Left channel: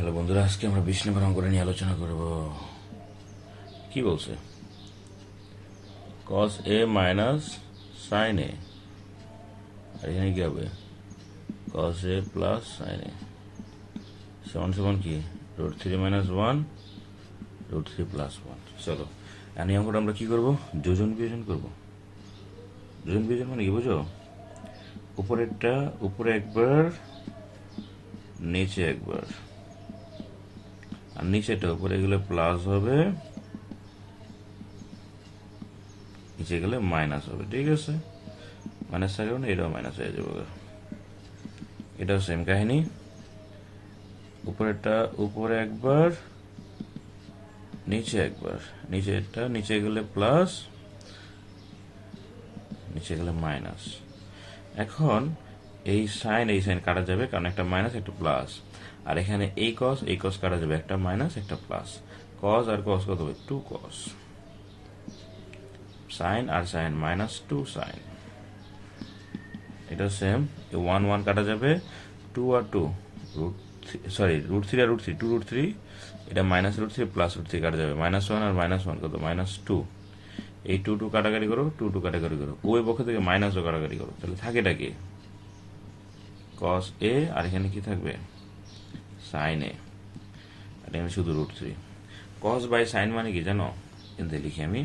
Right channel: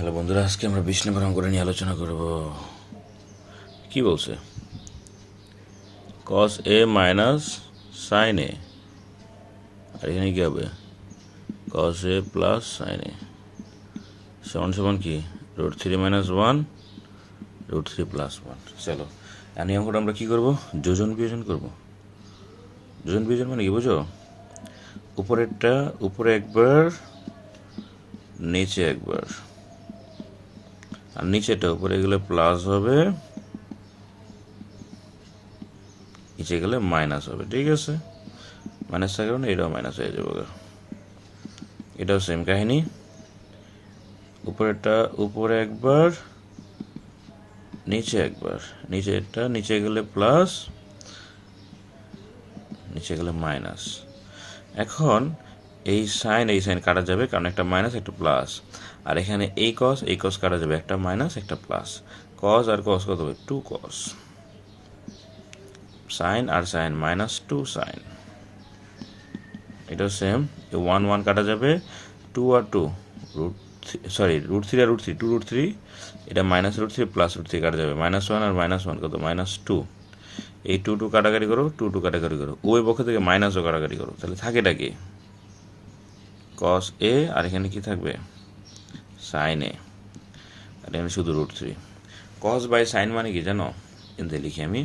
Hello বন্ধুরা, আজকে আমরা 20 নম্বর অঙ্কটা নিয়ে আলোচনা করব। কি বলছে? cos a minus sin a, আর এখানে কি হবে? cos a plus sin a সমান সমান কি? √3 মাইনাস 1 √3 প্লাস 1। চলো, এই অঙ্কটা আমরা কি করব? যোজন বিয়োজন করব। যোজন বিয়োজন মানে কি বুঝো? উপরেরটা উপরে একবার, নিচে একবার, আর নিচেটা উপরে গেলে প্লাস হবে, নিচে গেলে মাইনাস হবে। ঠিক আছে, মাইনাস থাকবে না, এটাও মাইনাস হয়ে যাবে। এটাও সেম কাহিনী, উপরেরটা উপরে একবার, নিচে একবার, নিচেটা নিচে গেলে প্লাস, নিচে গেলে মাইনাস। এখন এই সাইন কাটা যাবে, কারণ একটা মাইনাস একটা প্লাস, আর এখানে এই কস কাটা যাবে, একটা মাইনাস একটা প্লাস। কস আর কস কত হবে? 2 কস। সাইন আর সাইন মাইনাস 2 সাইন। এটা সেম, 1 1 কাটা যাবে, 2 আর 2 √3 আর √3 2 √3, এটা মাইনাস √3 প্লাস √3 কাটা যাবে, -1 আর -1 কত? -2। এই 2 2 কাটাকাটি করো, 2 2 কাটাকাটি করো, ওই পক্ষ থেকে মাইনাসও কাটাকাটি করো, তাহলে থাকেটা কি? cos a, আর এখানে কি থাকবে? sin a, আর এখানে শুধু √3। cos বাই সাইন মানে কি জানো? এতে লিখি আমি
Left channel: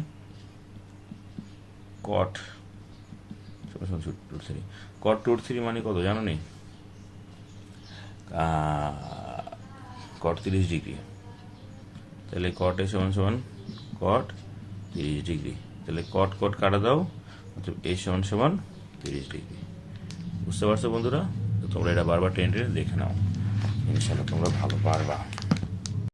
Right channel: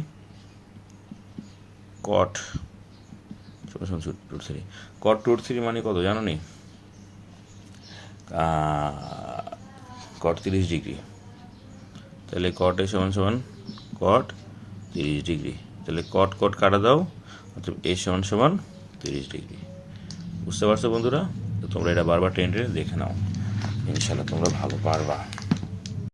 cot √3। cot √3 মানে কত জানো নি? cot 30 degree. তাহলে cot a সমান সমান cot 30 ডিগ্রি। তাহলে cot cot কাটা দাও, অর্থাৎ a সমান সমান 30 ডিগ্রি। বুঝতে পারছো বন্ধুরা? তো তোমরা এটা বারবার টেনে টেনে দেখে নাও, ইনশাল্লাহ তোমরা ভালো পারবা।